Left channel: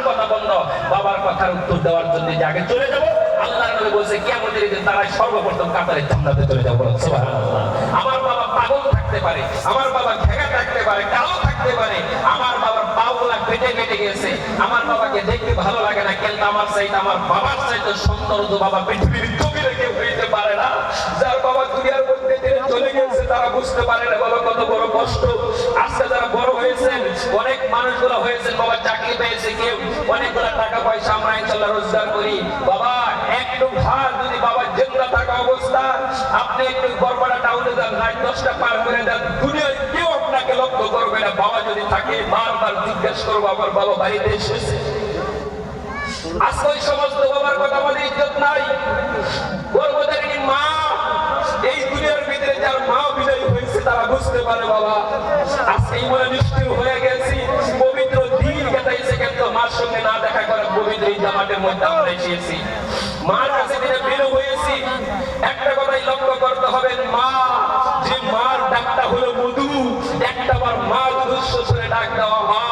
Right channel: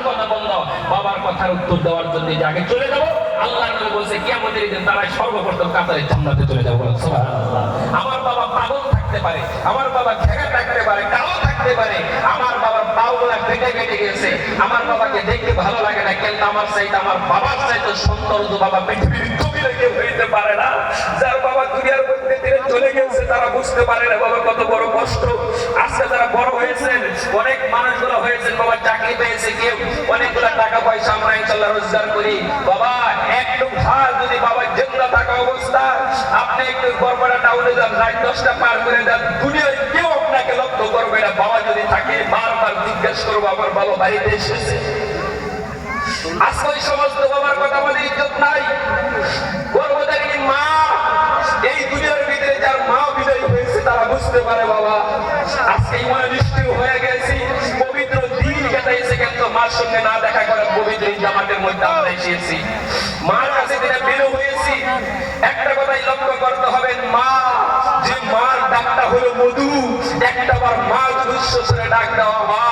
মানুষের কথা বন্ধ, বাবার কথার উত্তর দেওয়ার জন্য আগে চলে যাবো। আল্লাহর নবী বলেছে কিয়ামতের দিন তারা সর্বপ্রথম কাতারে জান্নাতে চলে যাবে। সুবহানাল্লাহ। আমার বাবা পাগল থাকতে পারে, আমার বাবা ঘেগা থাকতে পারে, কালো থাকতে পারে, আমার বাবার পাগুলা কেটে কেটে গেছে, আমার বাবাকে দেখতে ভালো লাগে না, কিন্তু আমার চাইতে আমার বাবার চাইতে সুন্দর তো বাবা পৃথিবীর জমিনে কেউ হইতে পারে না। যার বাবা দুনিয়ার মধ্যে থেকে চলে গেছে তারা বুঝতে পারে না বাবা কত বড় কষ্ট। আজকে যারা বড় হয়েছেন, অনেক মানুষগুলো হয়েছেন, বাবা চাকরি পেয়েছে, কেউ অনেকগুলো টাকা পয়সা আমরা ইনশাআল্লাহ রোজগার করি। বাবা একটু ভার যদি বাবা জিন্দা থাকা অবস্থা আপনি একটু গড়পাড়া টাউনে যান, রাত 10টা পার করে যান, দুনিয়ায় কেউ আপনাকে লক্ষ্য করবে না। বাবা যদি থাকে বারবার জিজ্ঞাসা করবো আমার বাবা বাড়িতে এসেছে। আজকে ওই সমস্ত বাবার কথা আমাদের ইজ্জত নাই। গর্ভধারিণী মা, এই দুনিয়ার ভিতরে যার মা বিদায় হয়েছে তারা বুঝতে পারে বাবা আজকে ইমানে নিষ্ঠুর হয়ে গেছি, পবিত্র দিন কাটাইছে, কিন্তু মার সঙ্গে না দেখা করে পবিত্র জামাতের মধ্যে আমরা এসেছি, মার কাছে দিনে বের হয়েছি। একটা কথাই লক্ষ্য করতে হবে, মা যে মার ডাকটা হলো মধু, একটা বার মা দুঃশ্বসরে ডাক দেওয়া মা,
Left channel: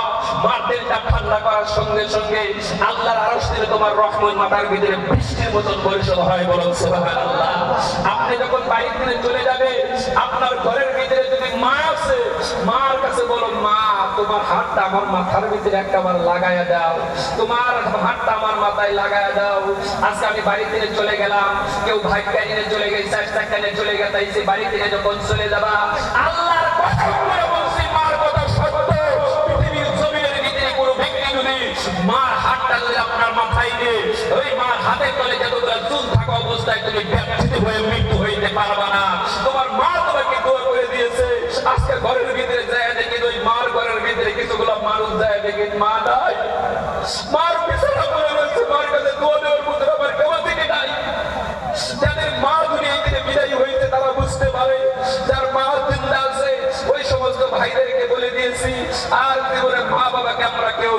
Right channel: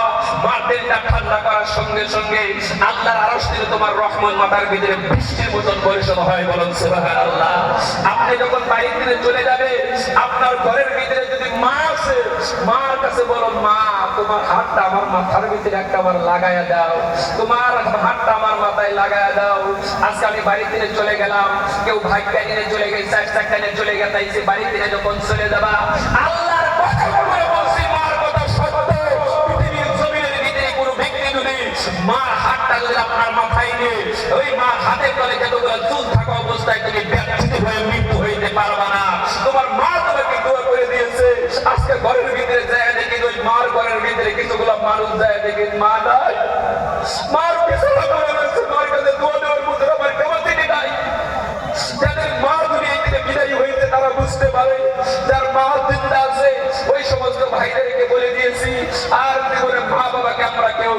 মার দিলটা ঠান্ডা করার সঙ্গে সঙ্গে আল্লাহর আরশ থেকে তোমার রহমত মাথার ভিতরে বৃষ্টির মতন পরিশোধ হয়। বলেন সুবহানাল্লাহ। আপনি যখন বাড়ি থেকে চলে যাবে, আপনার ঘরের ভিতরে যদি মা আছে, মার কাছে বলো মা তোমার হাতটা আমার মাথার ভিতরে একবার লাগায়া দাও, তোমার হাতটা আমার মাথায় লাগায়া দাও। আজকে আমি বাড়ি থেকে চলে গেলাম, কেউ ভাগ্যা নিয়ে চলে গেছে, চার চাকা নিয়ে চলে গেছে, বাড়ি থেকে যখন চলে যাবা আল্লাহর কথা বলে বলছি, মার কথা শপথ, পৃথিবীর জমিনের ভিতরে কোনো ব্যক্তি যদি মার হাতটা যদি আপনার মাথায় নেই, ওই মার হাতের তলে যতগুলো চুল থাকা অবস্থায় তুমি ব্যর্থিত হয়ে মৃত্যু হইতে পারবা না। তোমার মা তোমাকে দোয়া করে দিয়েছে। আজকে ঘরের ভিতরে যায় দেখি, ওই মার ঘরের ভিতরে কিছুগুলো মানুষ যায় দেখি মা নাই, মার পিছনে পড়ে রয়েছে, মার কাছে দোয়া দেওয়ার মতো আমার ক্যাপাসিটি নাই। যাদের মা দুনিয়া থেকে বিদায়ী হয়েছে তারা বুঝতে পারে, যার মা জিন্দা আছে ওই সমস্ত ভাইদেরকে বলে দিয়েছি আর জীবনে মা বাবাকে আমরা কেউ